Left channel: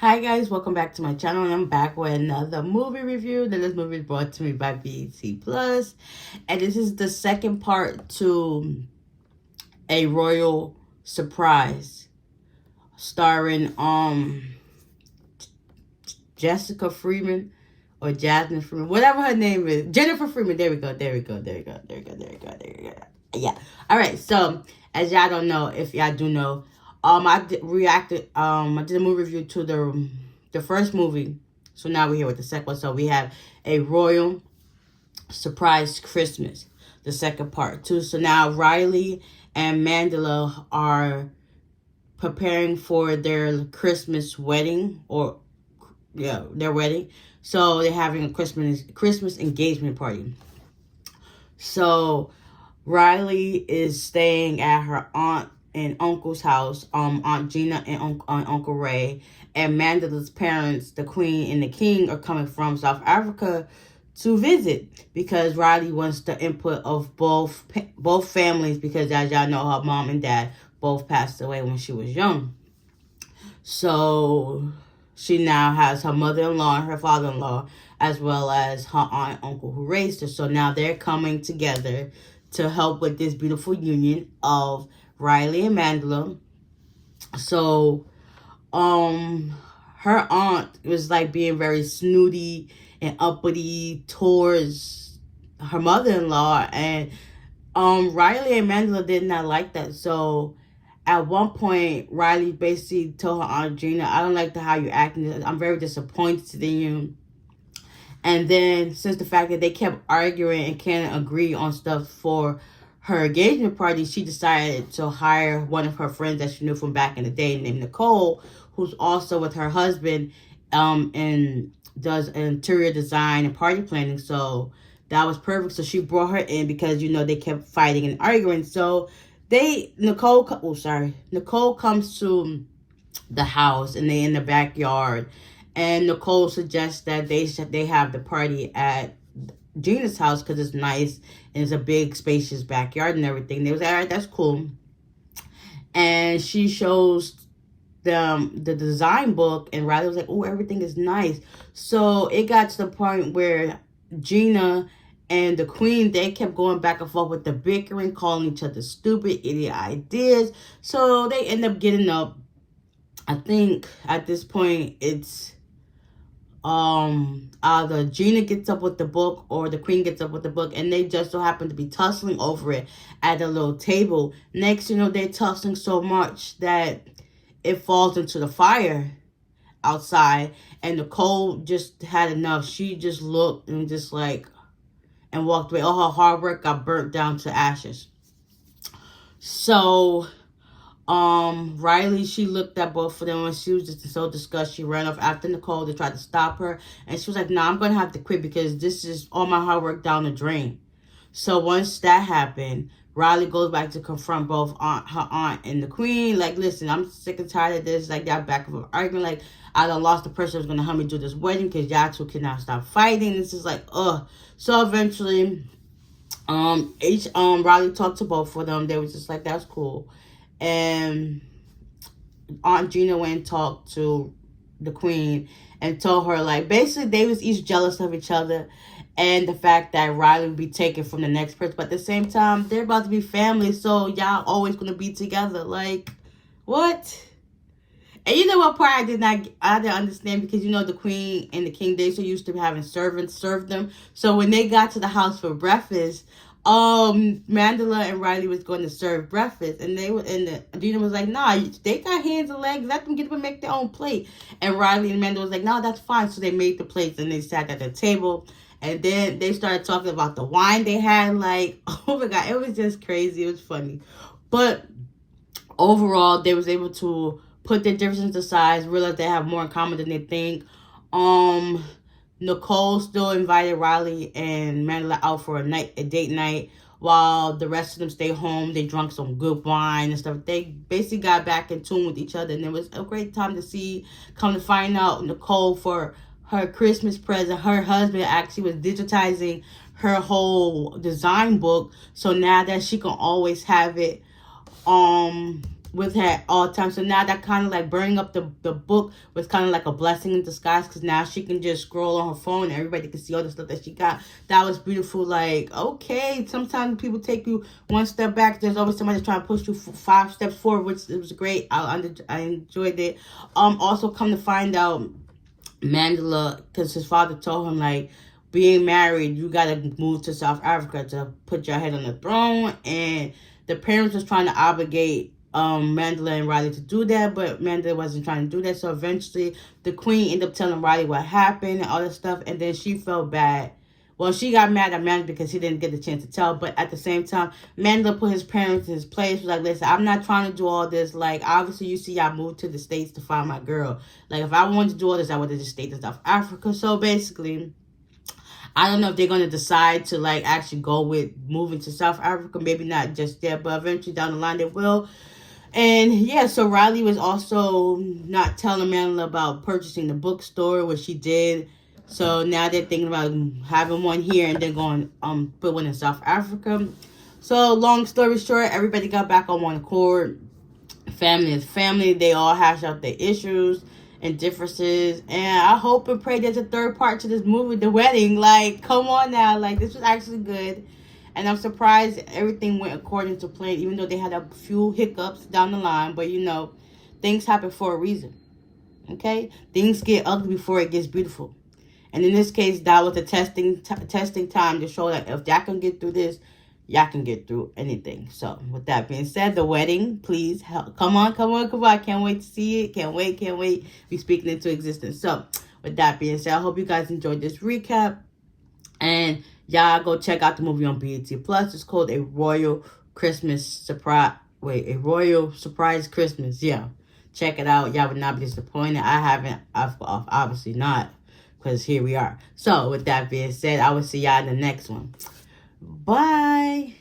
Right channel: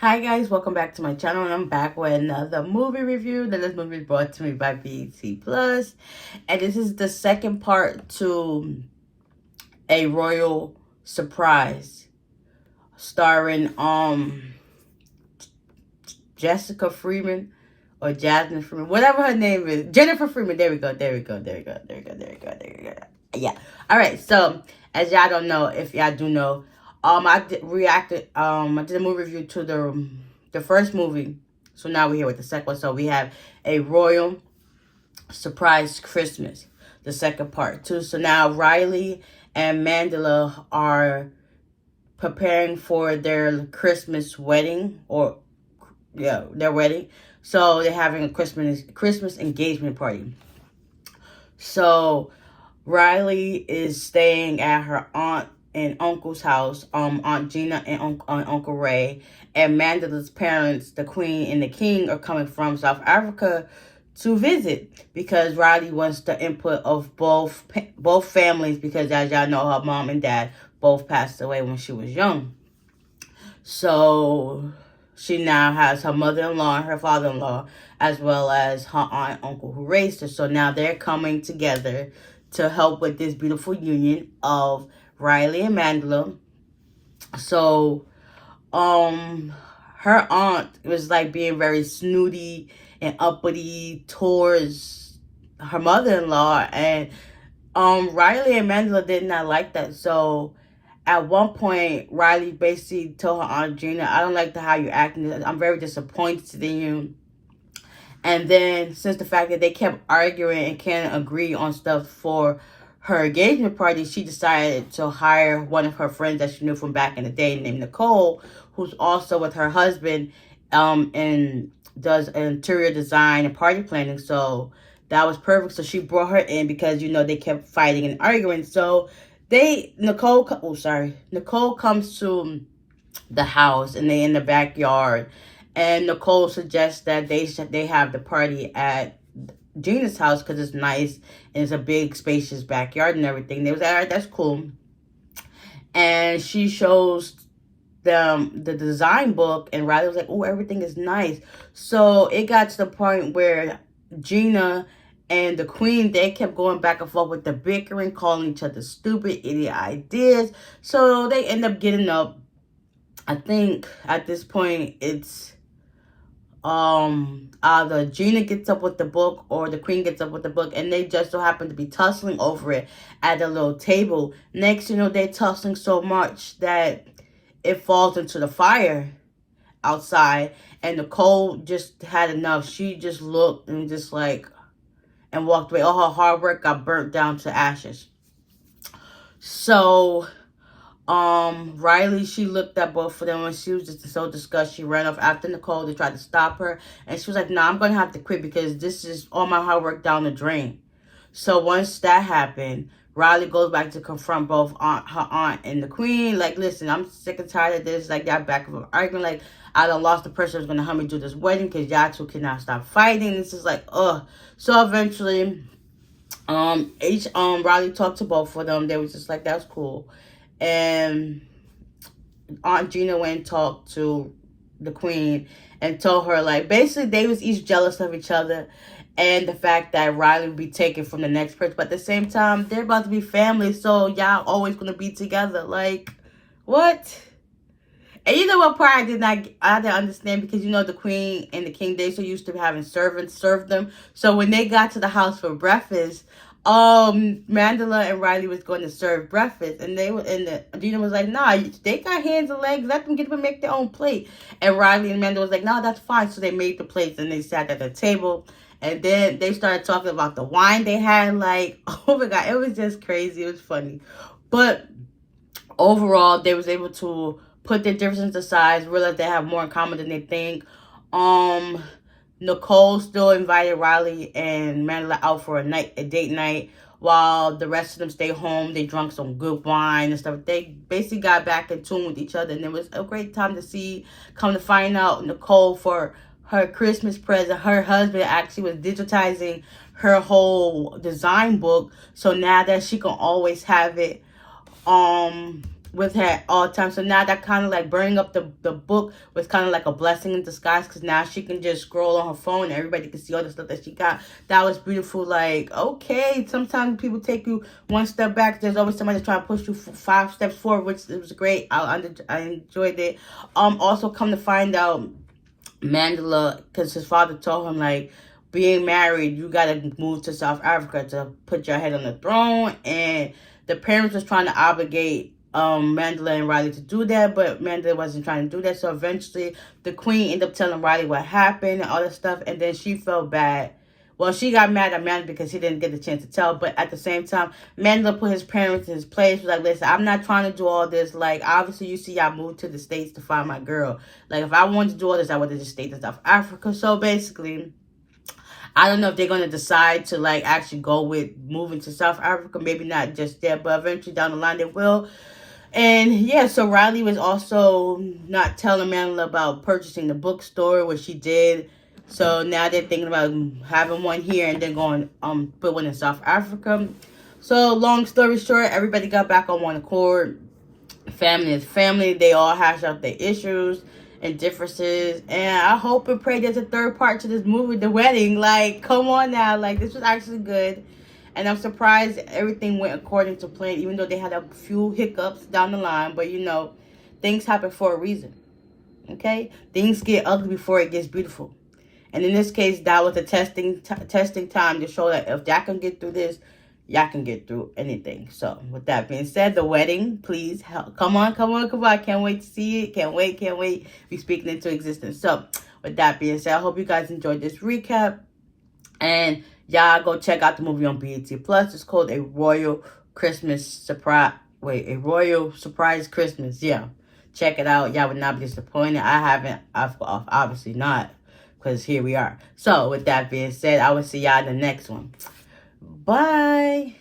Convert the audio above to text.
Hi guys, welcome back to my channel. And I'm back with another movie review. This movie is brought to me by BET Plus, and this is the second part to A Royal Surprise, starring Jessica Freeman or Jasmine Freeman, whatever her name is, Jennifer Freeman. There we go. Yeah. All right. So as y'all don't know, if y'all do know. I did a movie review to the first movie. So now we're here with the second one. So we have A Royal Surprise Christmas, the second part too. So now Riley and Mandela are preparing for their Christmas wedding, their wedding. So they're having a Christmas engagement party. So Riley is staying at her aunt and uncle's house, Aunt Gina and Uncle Ray, and Mandela's parents, the Queen and the King, are coming from South Africa to visit because Riley wants the input of both families because, as y'all know, her mom and dad both passed away when she was young. So she now has her mother-in-law and her father-in-law, as well as her aunt and uncle who raised her. So now they're coming together to help with this beautiful union of Riley and Mandela. So, her aunt was like being very snooty and uppity towards her mother-in-law, and Riley and Mandela did not like that. So at one point, Riley basically told her Aunt Gina, "I don't like how you're acting. I'm very disappointed in you." And then, since the fact that they kept arguing and can't agree on stuff for her engagement party, she decided to hire one of her friends that she knew from back in the day named Nicole, who's also with her husband and does interior design and party planning. So that was perfect. So she brought her in because, they kept fighting and arguing. So Nicole comes to the house and they in the backyard. And Nicole suggests that they have the party at Gina's house because it's nice and it's a big spacious backyard and everything. They was like, all right, that's cool. And she shows them the design book, and Riley was like, oh, everything is nice. So it got to the point where Gina and the Queen, they kept going back and forth with the bickering, calling each other stupid, idiot ideas. So they end up getting up. I think at this point it's either Gina gets up with the book or the Queen gets up with the book, and they just so happen to be tussling over it at a little table. Next, they're tussling so much that it falls into the fire outside, and Nicole just had enough. She just looked and and walked away. All her hard work got burnt down to ashes. So Riley, she looked at both of them and she was just so disgusted. She ran off after Nicole. They tried to stop her, and she was like, I'm going to have to quit because this is all my hard work down the drain. So once that happened, Riley goes back to confront both her aunt and the Queen. Like, listen, I'm sick and tired of this. Like, that back of argument. Like, I done lost the person who's going to help me do this wedding because y'all two cannot stop fighting. This is like, ugh. So eventually, Riley talked to both of them. They was just like, that's cool. And Aunt Gina went and talked to the Queen and told her, like, basically they was each jealous of each other and the fact that Riley would be taken from the next person. But at the same time, they're about to be family, so y'all always going to be together. Like, what? And you know what part I didn't understand, because the Queen and the King, they so used to having servants serve them. So when they got to the house for breakfast, Mandela and Riley was going to serve breakfast, and Gina was like, nah, they got hands and legs, let them get up and make their own plate. And Riley and Mandela was like, nah, that's fine. So they made the plates and they sat at the table, and then they started talking about the wine they had. Like, oh my God, it was just crazy. It was funny. But overall, they was able to put their differences aside, realize they have more in common than they think. Nicole still invited Riley and Mandela out for a date night, while the rest of them stay home. They drank some good wine and stuff. They basically got back in tune with each other, and it was a great time to see. Come to find out, Nicole, for her Christmas present, her husband actually was digitizing her whole design book, so now that she can always have it with her at all times. So now that kind of like burning up the book was kind of like a blessing in disguise, because now she can just scroll on her phone and everybody can see all the stuff that she got. That was beautiful. Like, okay, sometimes people take you one step back. There's always somebody trying to push you 5 steps forward, which it was great. I enjoyed it. Also, come to find out, Mandela, because his father told him, like, being married, you gotta move to South Africa to put your head on the throne, and the parents was trying to obligate Mandela and Riley to do that, but Mandela wasn't trying to do that. So eventually the queen ended up telling Riley what happened and all this stuff, and then she felt bad. Well, she got mad at Mandela because he didn't get the chance to tell, but at the same time, Mandela put his parents in his place. Was like, listen, I'm not trying to do all this. Like, obviously, you see, I moved to the States to find my girl. Like, if I wanted to do all this, I would have just stayed in South Africa. So basically, I don't know if they're going to decide to, like, actually go with moving to South Africa. Maybe not just yet, but eventually down the line they will. And yeah, so Riley was also not telling Mandela about purchasing the bookstore, which she did. So now they're thinking about having one here and then going put one in South Africa. So long story short, everybody got back on one accord. Family is family. They all hash out their issues and differences. And I hope and pray there's a third part to this movie, The Wedding. Like, come on now. Like, this was actually good. And I'm surprised everything went according to plan, even though they had a few hiccups down the line. But, you know, things happen for a reason. Okay? Things get ugly before it gets beautiful. And in this case, that was a testing time to show that if y'all can get through this, y'all can get through anything. So, with that being said, The Wedding, please, come on. Can't wait to see it. Can't wait. Be speaking into existence. So, with that being said, I hope you guys enjoyed this recap. And y'all go check out the movie on BET Plus. It's called A Royal Christmas Surprise. A Royal Surprise Christmas. Yeah. Check it out. Y'all would not be disappointed. I've obviously not, because here we are. So, with that being said, I will see y'all in the next one. Bye.